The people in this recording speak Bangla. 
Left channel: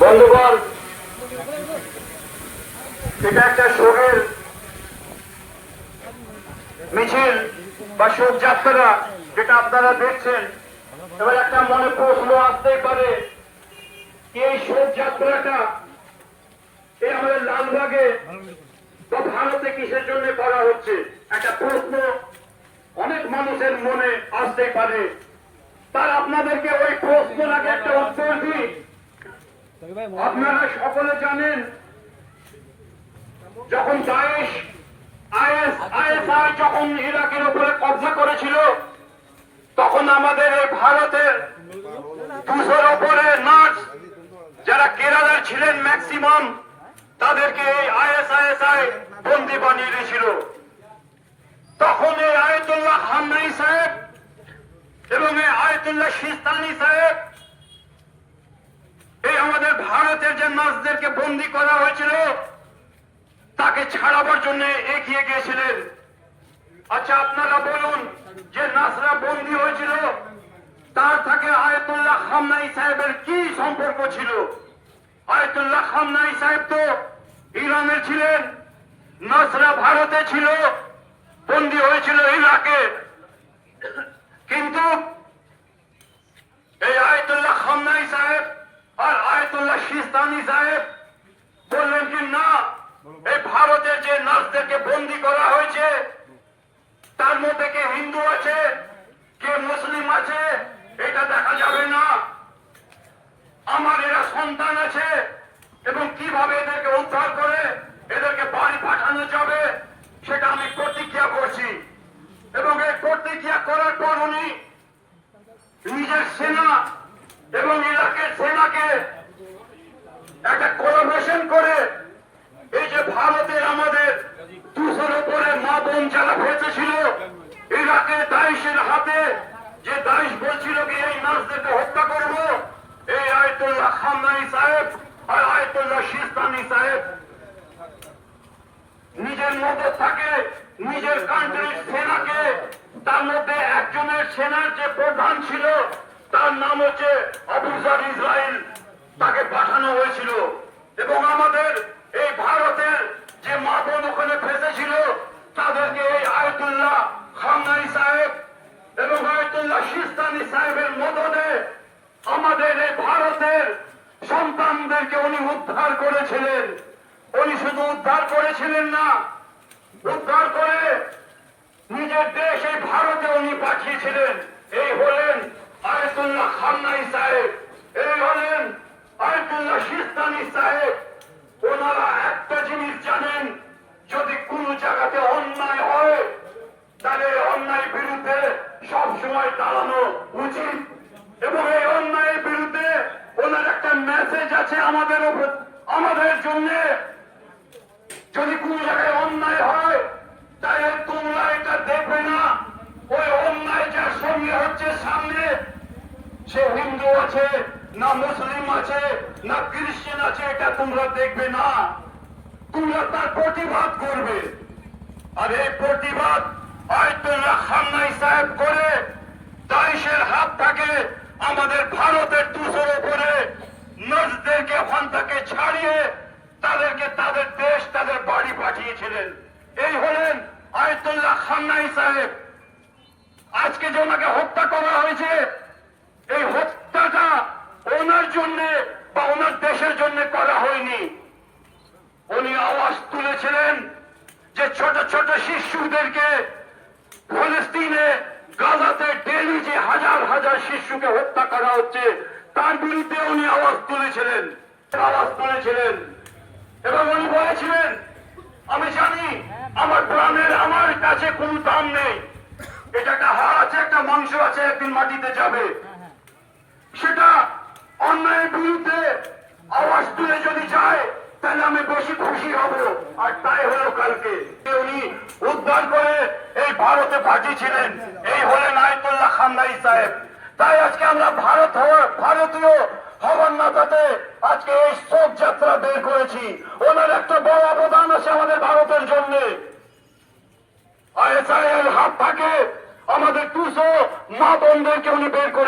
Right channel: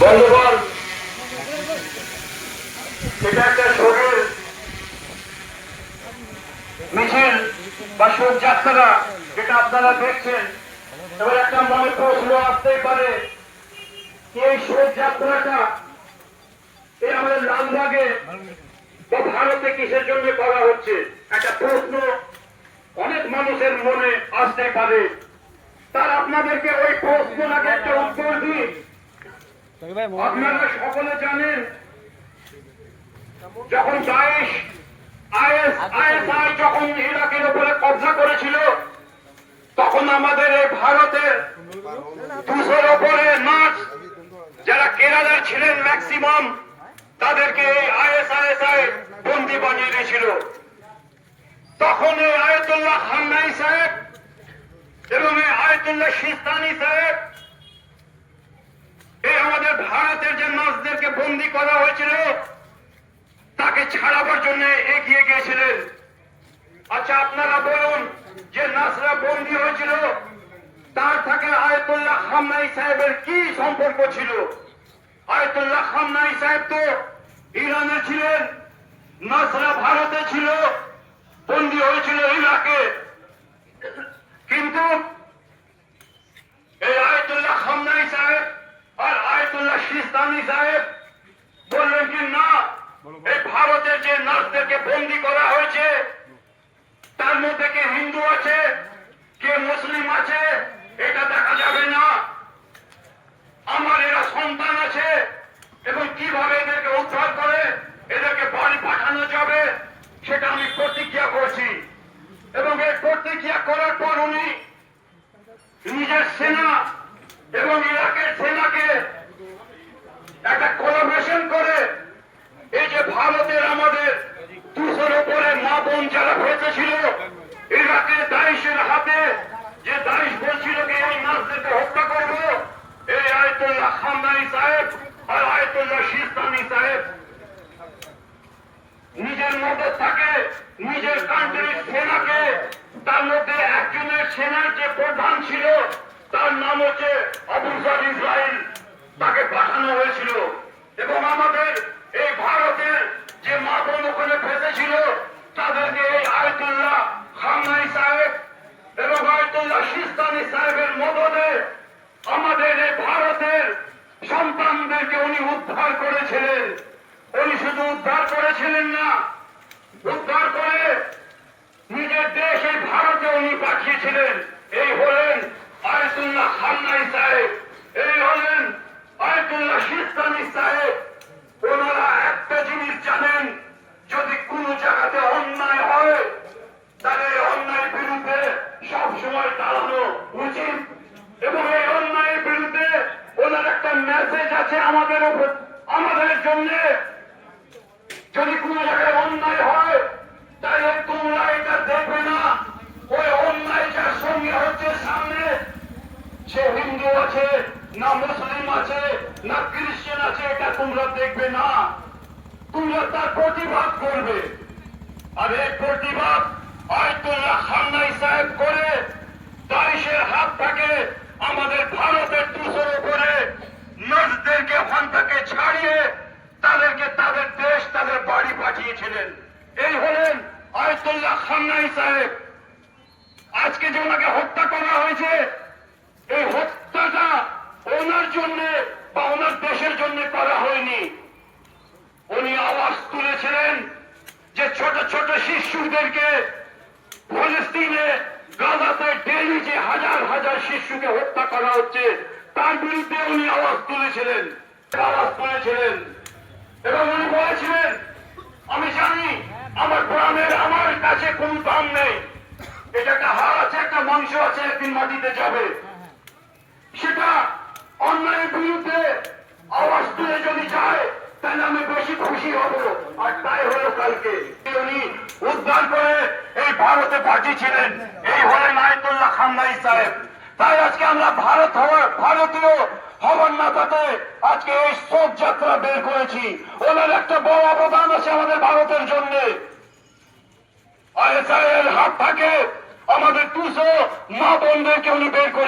বন্ধুগণ, এটা একটা শোকের মিছিল বা শোকযাত্রা যেটা আপনারা দেখছেন। এবার একটা মনে প্রশ্ন আসতেই পারে, এই শোকযাত্রাটা এই আমাদের লালবাগে বা ভারতে কিসের জন্য করা হচ্ছে? একটা প্রশ্ন অনেক মানুষের মনে আসতে পারে। তার আপনাদেরকে ওই প্রশ্নের আগে একটা উত্তর দিই। আপনারা সকলে জানেন, যখন দায়েশ আইএসআই যখন ইরাকের উপরে কব্জা করেছিল, তখন আমাদের এই ভারতের 200-র উপরে নার্স যারা কেরালার ছিলেন ম্যাক্সিমাম, তাদেরকে এই আইএসআই বন্দী বানিয়ে দিয়েছিল। তখন এই আয়াতুল্লাহ খামনাই সাহেব এবং এই আয়াতুল্লাহ সিস্তানি সাহেব এই আমাদের ভারতের যে নার্সদেরকে বন্দী করা হয়েছিল তাকে ছাড়াবার জন্য এগিয়ে গিয়েছিলেন। আচ্ছা, আপনারা বলুন, যে নার্সরা বন্দী হয়েছিল তার থেকে আয়াতুল্লাহ খামনাই সাহেবের কি সম্পর্ক ছিল? আয়াতুল্লাহ খামনাই সাহেব তো ইরানে ছিলেন, নার্সরা ভারতে ছিল, বন্দী হয়েছিল ইরাকে। কিন্তু এই আয়াতুল্লাহ খামনাই সাহেব আর আয়াতুল্লাহ সিস্তানি সাহেব বললেন কি না, এই ভারতের যে নার্সদেরকে বন্দী করা হয়েছে তার মধ্যে কে হিন্দু আছে কে মুসলিম আছে এটা দেখা যাবে না। আমার এরা সন্তান আছে এবং কিভাবে এদেরকে উদ্ধার করে এদেরকে বাড়ি পাঠানো যাবে সেটা আমি প্রতিজ্ঞা করছি। এবং এই প্রতিজ্ঞা করার পর উনি নিজের সেনা এবং ইরাকের সেনাকে একটা কোলাবোরেশন করে এই যে ভারতের আমাদের 200-র উপরে মা বোন যারা বেঁচেছিল ইরাকের দায়েশের হাতে, যে দায়েশ বলছিল কি এই নার্সদেরকে হত্যা করবো, এই আয়াতুল্লাহ খামনাই সাহেব আর আয়াতুল্লাহ সিস্তানি সাহেব নিজের মধ্যে থাকে নিজের কান্ট্রির সেনাকে, তার মধ্যে একজনের সেনার যে প্রধান ছিল তার নাম হচ্ছে আবু জার ইসরাইল, তাকে পাঠানো হয়েছিল। এবং আমাদের এই ভারতের যে মা বোন ওখানে ফেসেছিল তাদেরকে এই আয়াতুল্লাহ খামনাই সাহেব এবং আয়াতুল্লাহ সিস্তানি সাহেবের মদদে আমাদের এই ভারতের সন্তানদেরকে উনি উদ্ধার করেছিলেন। উনি শুধু উদ্ধার করেছিলেন না, উদ্ধার করে নিজের দেশ এই ভারতে উনি পাঠিয়েছিলেন। এই হলেন আয়াতুল্লাহ খামনাই সাহেব, এই হলেন আয়াতুল্লাহ সিস্তানি সাহেব। ওনারা একটা জিনিস জানেন, যদি কোন জায়গাতে অন্যায় হয় তাহলে অন্যায়ের বিরুদ্ধে সবসময় দাঁড়ানো উচিত। এবং এই অন্যায়ের বিরুদ্ধে ওনার একটা মেসেজ আছে আমাদের জন্য, যদি কোন জায়গায় অন্যায় হয় তাহলে তোমরা এটা দেখবে না ওই অন্যায় যার সঙ্গে হচ্ছে সামনে সে হিন্দু আছে না মুসলিম আছে না খ্রিস্টান আছে, এটা তোমরা দেখবে না, তোমরা তার প্রতিবাদ করবে। আর এই প্রতিবাদ আয়াতুল্লাহ খামনাই সাহেব করে দায়েশের হাত থেকে আমাদের ভারতের 200-র উপরে নার্সদেরকে ওখান থেকে ছাড়িয়ে তাদেরকে তাদের দেশ তাদের বাড়ি পাঠিয়েছিলেন। এই হলেন আয়াতুল্লাহ খামনাই সাহেব। আজকে যে ওনাকে হত্যা করা হয়েছে, এই হত্যাটা ওনার জন্য বা ওনার দেশের জন্য করা হয়নি। উনি আওয়াজ তুলেছিলেন যে ছোট ছোট শিশুদেরকে ফিলিস্তিনে গাজাতে ডেইলি যে হাজার হাজার শিশুকে হত্যা করা হচ্ছে তার বিরুদ্ধে উনি আওয়াজ তুলেছিলেন এবং উনি বলেছিলেন, আমি জানি আমার প্রাণের আমার কাছে কোন দাম নেই, এটা একটা হাড় আছে একটা মাংস আছে, একদিন মাটিতে যাবে। সেটা অন্যায়ের বিরুদ্ধে আওয়াজ তুলে যদি যায় তাহলে আমি বেশি খুশি হব। আর তাই হলো কালকে উনি উদ্ধার করে এই ভারতে পাঠিয়েছিলেন। এই হলেন আয়াতুল্লাহ খামনাই সাহেব। তাই আজকে আমরা ভারতীয় হবার নাতাতে আজকে এই শোক যাত্রা বের করেছি। ওনার একটা বড় অবদান আছে আমাদের ভারতের জন্য। আইএসআই এর হাত থেকে আমাদের 200 মা বোনদেরকে উনি বের করে